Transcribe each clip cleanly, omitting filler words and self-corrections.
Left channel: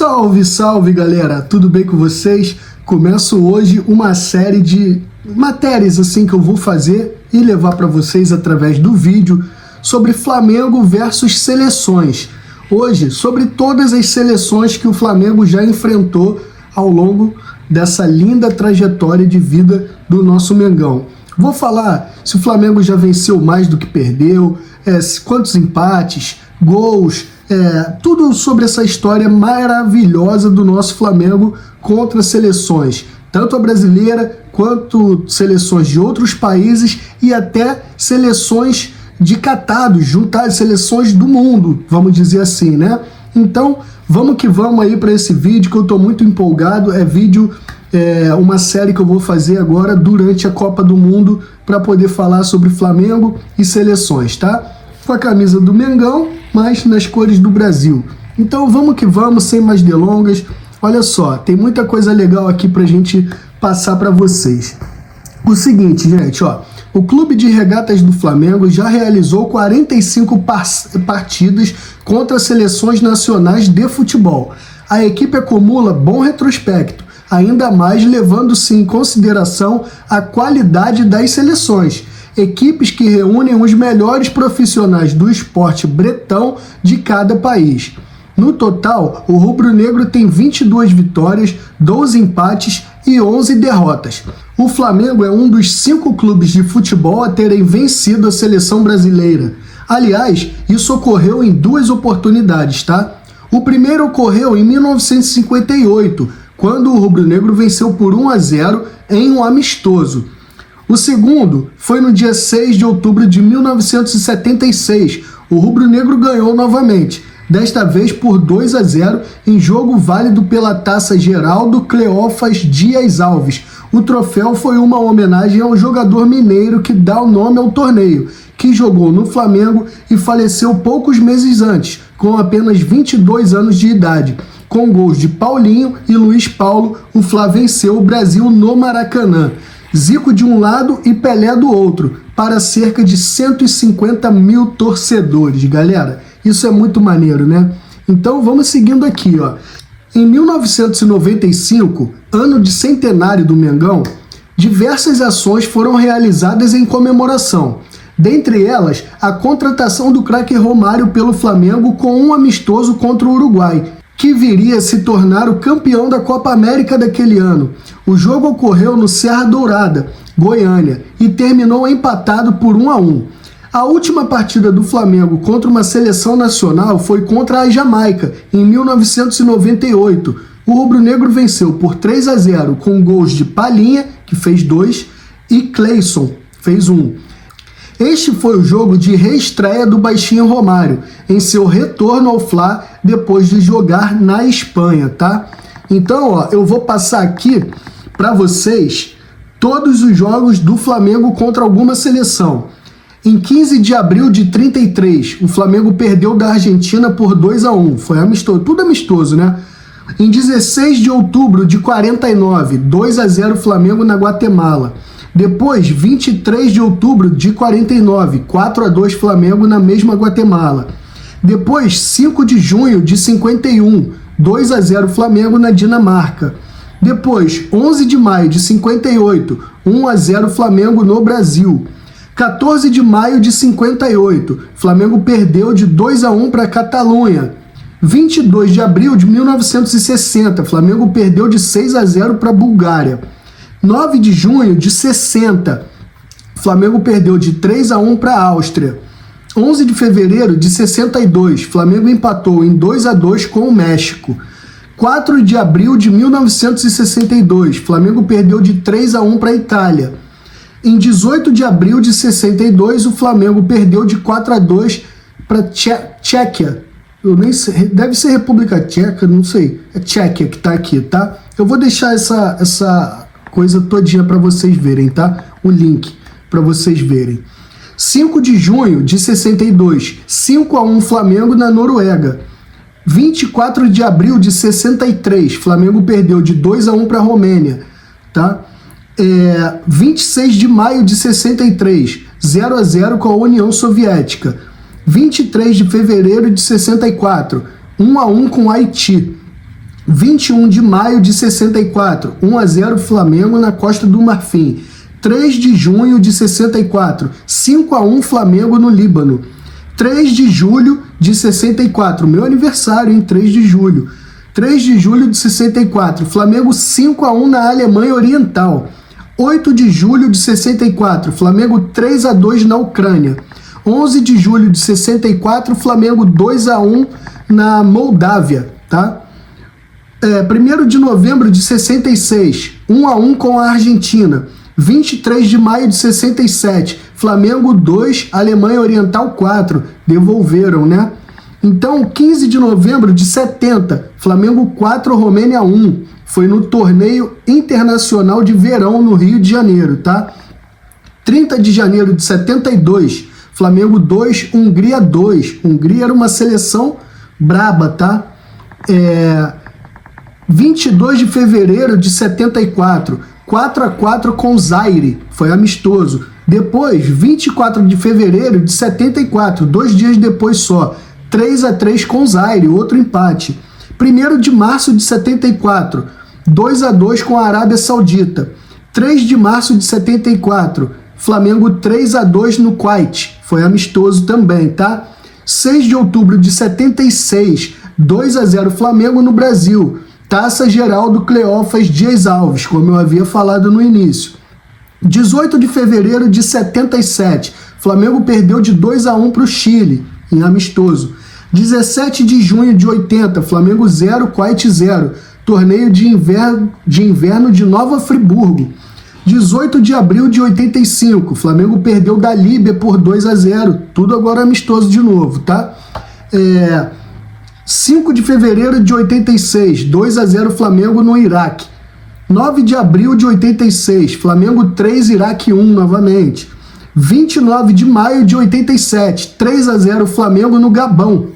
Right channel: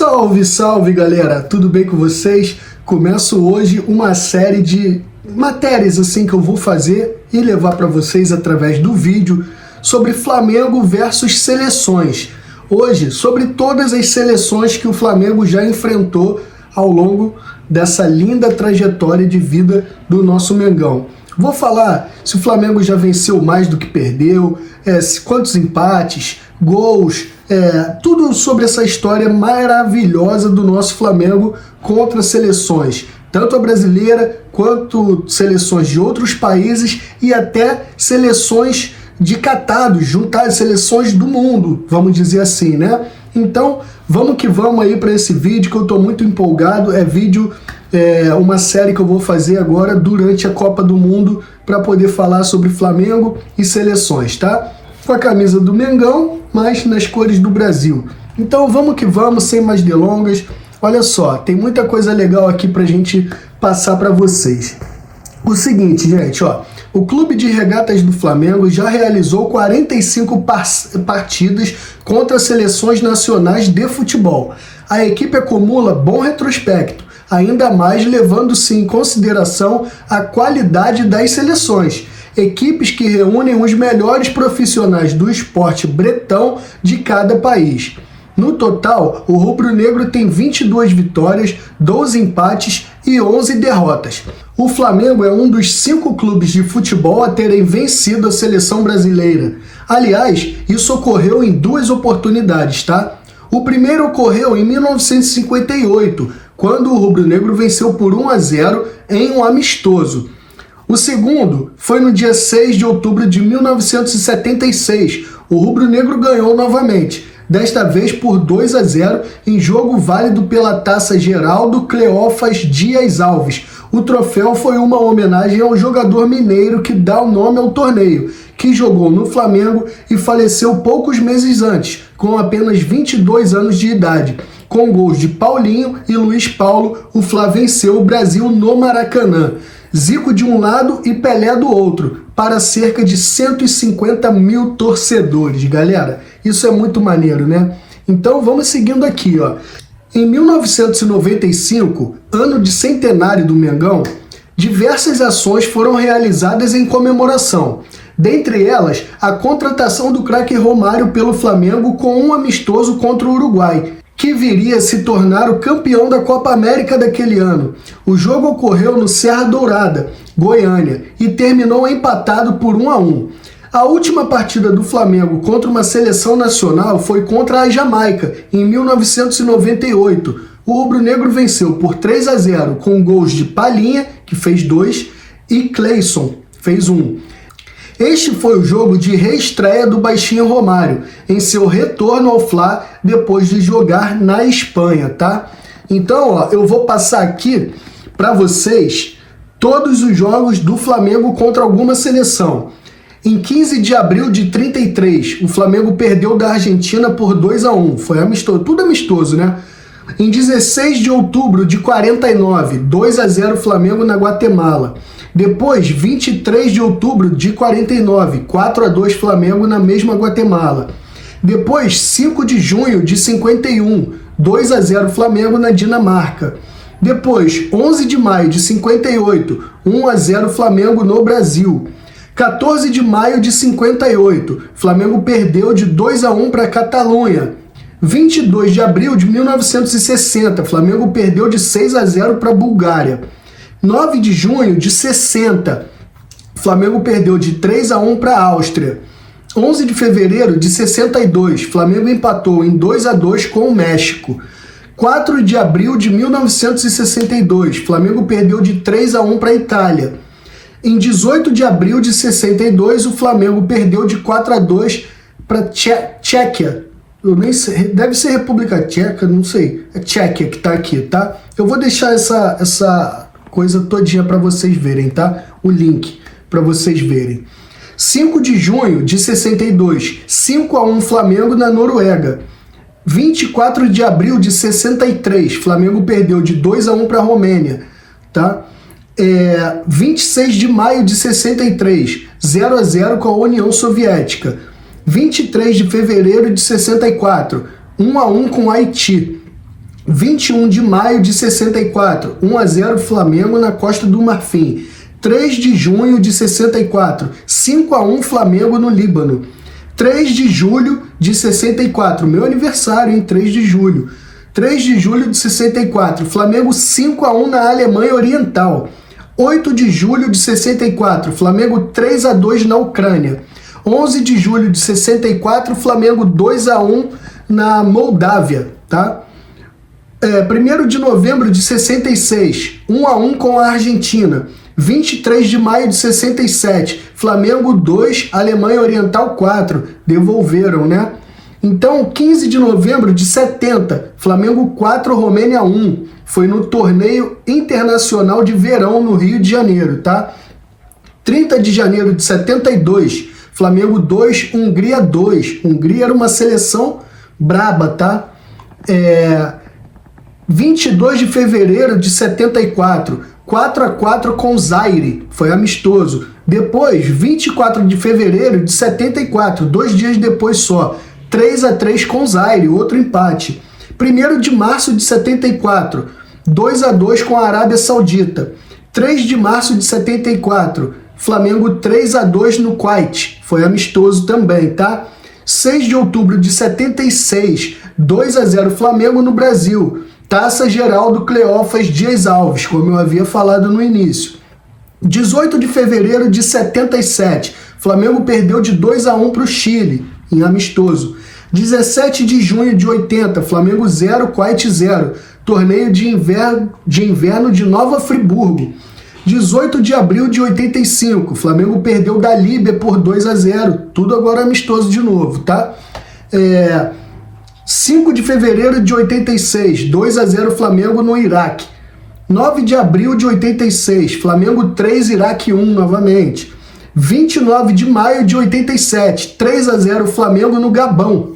Salve, salve galera, tudo bem com vocês? Começo hoje uma série de matérias assim que eu vou fazer e levar para vocês através do vídeo sobre Flamengo versus seleções. Hoje, sobre todas as seleções que o Flamengo já enfrentou ao longo dessa linda trajetória de vida do nosso Mengão. Vou falar se o Flamengo já venceu mais do que perdeu, quantos empates, gols, tudo sobre essa história maravilhosa do nosso Flamengo contra seleções, tanto a brasileira quanto seleções de outros países e até seleções de catados, juntar seleções do mundo, vamos dizer assim, né? Então, vamos que vamos aí para esse vídeo que eu tô muito empolgado. Uma série que eu vou fazer agora durante a Copa do Mundo para poder falar sobre Flamengo e seleções, tá? Com a camisa do Mengão, mas nas cores do Brasil. Então, vamos que vamos, sem mais delongas. Olha só, tem muita coisa legal aqui pra gente passar para vocês. O seguinte, gente, ó. O Clube de Regatas do Flamengo já realizou 45 partidas contra seleções nacionais de futebol. A equipe acumula bom retrospecto, ainda mais levando-se em consideração a qualidade das seleções. Equipes que reúnem os melhores profissionais do esporte bretão de cada país. No total, o rubro-negro tem 22 vitórias, 12 empates e 11 derrotas. O Flamengo é um dos 5 clubes de futebol a terem vencido a seleção brasileira. Aliás, isso ocorreu em 2 oportunidades, tá? O primeiro ocorreu em 1958, quando o rubro-negro venceu por 1-0 em um amistoso. O segundo foi no dia 6 de outubro de 1976. O rubro-negro ganhou novamente, desta vez por 2-0 em jogo válido pela Taça Geraldo Cleófas Dias Alves. O troféu foi uma homenagem ao jogador mineiro que dá o nome ao torneio, que jogou no Flamengo e faleceu poucos meses antes, com apenas 22 anos de idade. Com gols de Paulinho e Luiz Paulo, o Fla venceu o Brasil no Maracanã. Zico de um lado e Pelé do outro, para cerca de 150 mil torcedores, galera. Isso é muito maneiro, né? Então vamos seguindo aqui, ó. Em 1995, ano de centenário do Mengão, diversas ações foram realizadas em comemoração. Dentre elas, a contratação do craque Romário pelo Flamengo com um amistoso contra o Uruguai, que viria a se tornar o campeão da Copa América daquele ano. O jogo ocorreu no Serra Dourada, Goiânia, e terminou empatado por 1-1. A última partida do Flamengo contra uma seleção nacional foi contra a Jamaica, em 1998. O rubro-negro venceu por 3-0 com gols de Palhinha, que fez 2, e Cleison, fez 1. Este foi o jogo de reestreia do Baixinho Romário, em seu retorno ao Fla depois de jogar na Espanha, tá? Então, ó, eu vou passar aqui para vocês todos os jogos do Flamengo contra alguma seleção. Em 15 de abril de 33, o Flamengo perdeu da Argentina por 2-1. Foi amistoso, tudo amistoso, né? Em 16 de outubro de 49, 2-0 Flamengo na Guatemala. Depois, 23 de outubro de 49, 4-2 Flamengo na mesma Guatemala. Depois, 5 de junho de 51, 2-0 Flamengo na Dinamarca. Depois, 11 de maio de 58, 1-0 Flamengo no Brasil. 14 de maio de 58, Flamengo perdeu de 2-1 para a Catalunha. 22 de abril de 1960, Flamengo perdeu de 6-0 para a Bulgária. 9 de junho de 60, Flamengo perdeu de 3-1 para a Áustria. 11 de fevereiro de 62, Flamengo empatou em 2-2 com o México. 4 de abril de 1962, Flamengo perdeu de 3-1 para a Itália. Em 18 de abril de 62, o Flamengo perdeu de 4-2 para Tchequia. Eu nem sei, deve ser República Tcheca, não sei. É Tchequia que tá aqui, tá? Eu vou deixar essa coisa todinha para vocês verem, tá? O link para vocês verem. 5 de junho de 62, 5-1 Flamengo na Noruega. 24 de abril de 63, Flamengo perdeu de 2-1 para a Romênia, tá? 26 de maio de 63, 0-0 com a União Soviética. 23 de fevereiro de 64, 1-1 com Haiti. 21 de maio de 64, 1-0 Flamengo na Costa do Marfim. 3 de junho de 64, 5-1 Flamengo no Líbano. 3 de julho de 64, meu aniversário, hein? 3 de julho. 3 de julho de 64, Flamengo 5-1 na Alemanha Oriental. 8 de julho de 64, Flamengo 3-2 na Ucrânia. 11 de julho de 64, Flamengo 2-1 na Moldávia, tá? 1º de novembro de 66, 1-1 com a Argentina. 23 de maio de 67, Flamengo 2, Alemanha Oriental 4. Devolveram, né? Então, 15 de novembro de 70, Flamengo 4, Romênia 1. Foi no torneio internacional de verão no Rio de Janeiro, tá? 30 de janeiro de 72, Flamengo 2, Hungria 2. Hungria era uma seleção braba, tá? 22 de fevereiro de 74, 4-4 com Zaire, foi amistoso. Depois, 24 de fevereiro de 74, 2 dias depois só, 3-3 com Zaire, outro empate. 1º de março de 74, 2-2 com a Arábia Saudita. 3 de março de 74, Flamengo 3-2 no Kuwait, foi amistoso também, tá? 6 de outubro de 76, 2-0 Flamengo no Brasil. Taça Geraldo Cleófas Dias Alves, como eu havia falado no início. 18 de fevereiro de 77, Flamengo perdeu de 2-1 para o Chile, em amistoso. 17 de junho de 80, Flamengo 0, Kuwait 0, torneio de inverno de Nova Friburgo. 18 de abril de 85, Flamengo perdeu da Líbia por 2-0, tudo agora amistoso de novo, tá? 5 de fevereiro de 86, 2-0 Flamengo no Iraque. 9 de abril de 86, Flamengo 3, Iraque 1 novamente. 29 de maio de 87, 3-0 Flamengo no Gabão.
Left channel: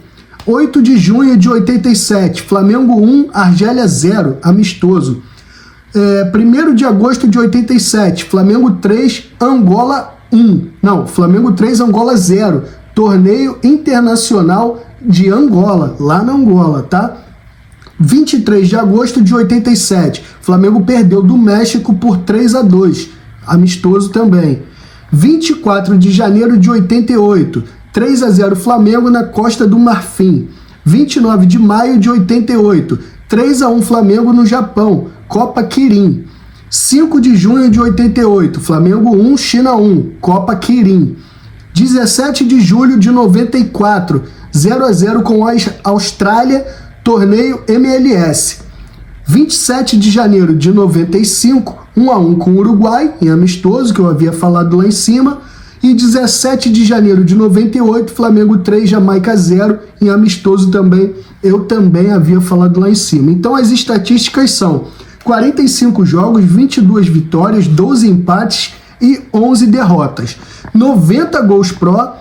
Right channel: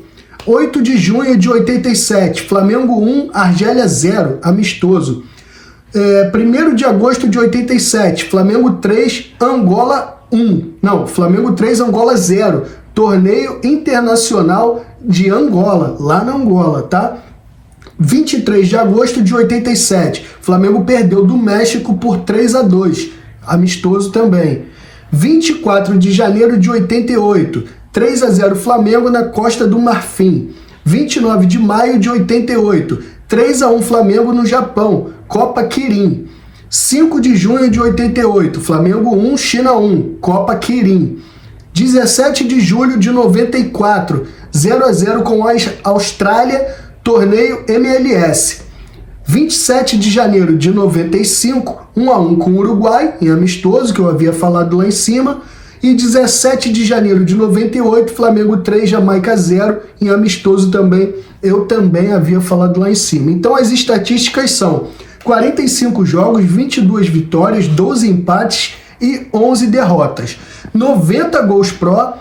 8 de junho de 87, Flamengo 1, Argélia 0, amistoso. 1º de agosto de 87, Flamengo 3, Angola 1. Não, Flamengo 3, Angola 0. Torneio internacional de Angola, lá na Angola, tá? 23 de agosto de 87, Flamengo perdeu do México por 3-2, amistoso também. 24 de janeiro de 88, 3-0 Flamengo na Costa do Marfim. 29 de maio de 88, 3-1 Flamengo no Japão, Copa Kirin. 5 de junho de 88, Flamengo 1, China 1, Copa Kirin. 17 de julho de 94, 0-0 com a Austrália, torneio MLS. 27 de janeiro de 95, 1-1 com o Uruguai, em amistoso, que eu havia falado lá em cima. E 17 de janeiro de 98, Flamengo 3, Jamaica 0, em amistoso também, eu também havia falado lá em cima. Então as estatísticas são 45 jogos, 22 vitórias, 12 empates e 11 derrotas. 90 gols pró,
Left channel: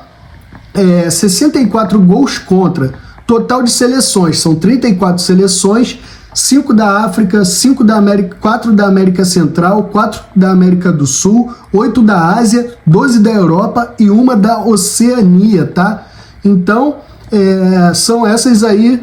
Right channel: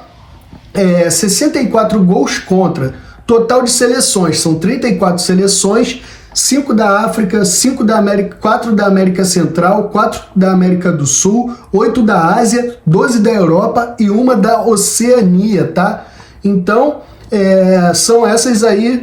64 gols contra. Total de seleções, são 34 seleções, 5 da África, 5 da América, 4 da América Central, 4 da América do Sul, 8 da Ásia, 12 da Europa e 1 da Oceania, tá? Então, são essas aí.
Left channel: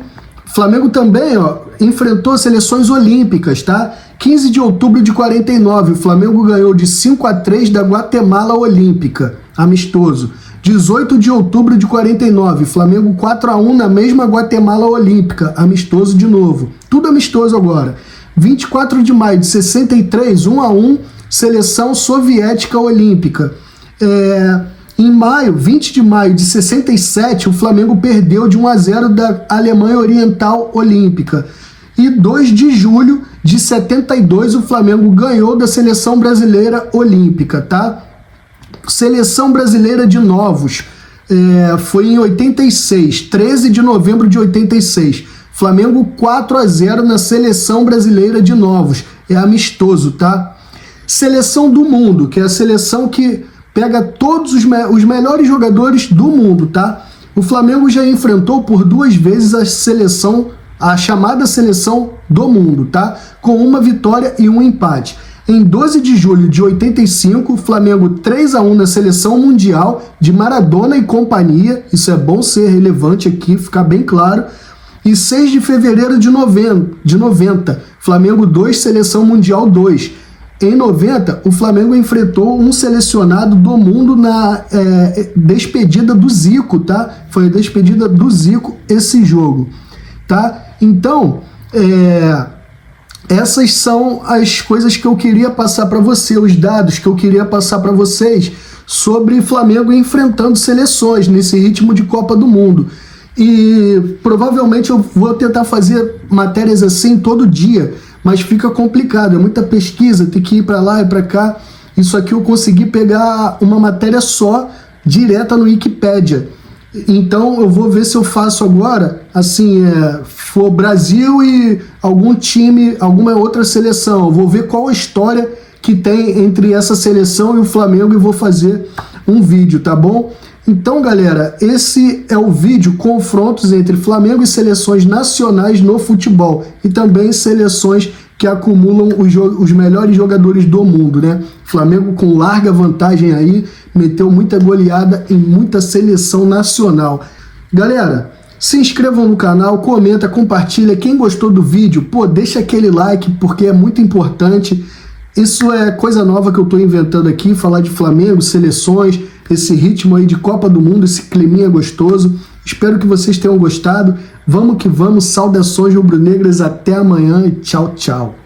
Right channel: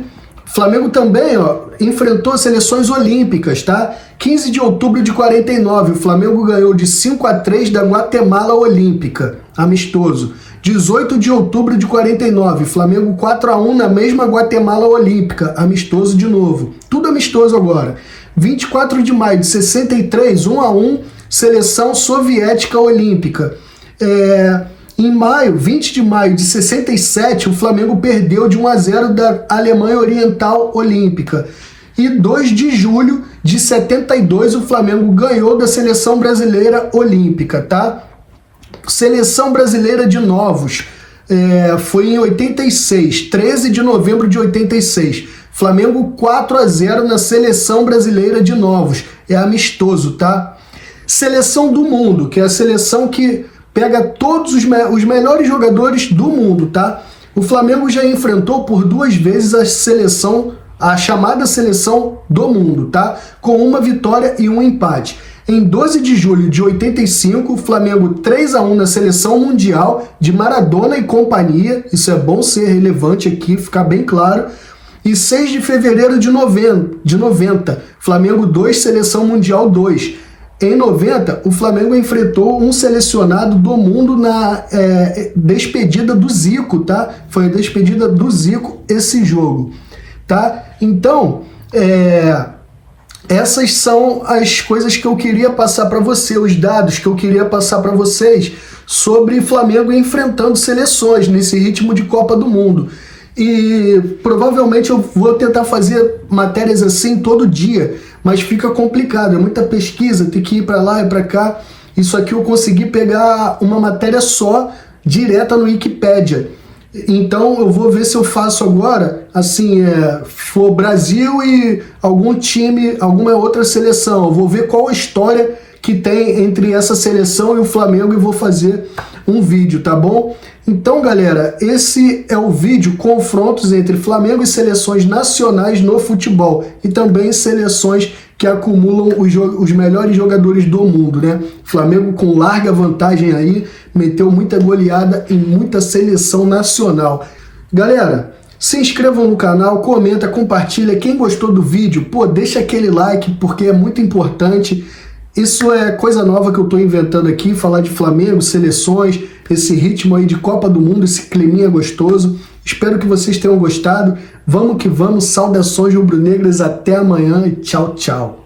Flamengo também, enfrentou seleções olímpicas, tá? 15 de outubro de 49, o Flamengo ganhou de 5-3 da Guatemala Olímpica, amistoso. 18 de outubro de 49, Flamengo 4-1 na mesma Guatemala Olímpica, amistoso de novo. Tudo amistoso agora. 24 de maio de 63, 1-1, seleção soviética olímpica. Em maio, 20 de maio de 67, o Flamengo perdeu de 1-0 da Alemanha Oriental Olímpica. E 2 de julho de 72, o Flamengo ganhou da Seleção Brasileira Olímpica, tá? Seleção Brasileira de Novos, foi em 86, 13 de novembro de 86. Flamengo 4-0 na Seleção Brasileira de Novos, é amistoso, tá? Seleção do Mundo, que é a seleção que pega todos os melhores jogadores do mundo, tá? O Flamengo já enfrentou por 2 vezes a chamada Seleção do Mundo, tá? Com 1 vitória e 1 empate. Em 12 de julho de 85, Flamengo 3-1 na Seleção Mundial de Maradona e companhia. Isso é bom ser relevante aqui, ficar bem claro. E 6 de fevereiro de 90, Flamengo 2, Seleção Mundial 2. Em 90, o Flamengo enfrentou um selecionado do mundo na despedida do Zico, tá? Foi a despedida do Zico esse jogo, tá? Então, essas são as coisas que eu queria passar para você, os dados que eu queria passar para vocês sobre Flamengo enfrentando seleções nesse ritmo de Copa do Mundo. E provavelmente eu vou tentar fazer matérias assim todo dia, mas fica complicado, é muita pesquisa, tem que ir para lá e para cá. Isso aqui eu consegui pegar uma matéria só, direta no Wikipedia. Então eu vou ver se eu faço agora, assim, for Brasil e algum time, alguma outra seleção. Eu vou ver qual a história que tem entre essa seleção e o Flamengo e vou fazer um vídeo, tá bom? Então, galera, esse é o vídeo confrontos entre Flamengo e seleções nacionais no futebol e também seleções que acumulam os melhores jogadores do mundo, né? Flamengo com larga vantagem aí, meteu muita goleada em muita seleção nacional. Galera, se inscrevam no canal, comenta, compartilha. Quem gostou do vídeo, pô, deixa aquele like porque é muito importante. Isso é coisa nova que eu estou inventando aqui, falar de Flamengo, seleções, esse ritmo aí de Copa do Mundo, esse climinha gostoso. Espero que vocês tenham gostado. Vamos que vamos, saudações rubro-negras, até amanhã e tchau, tchau.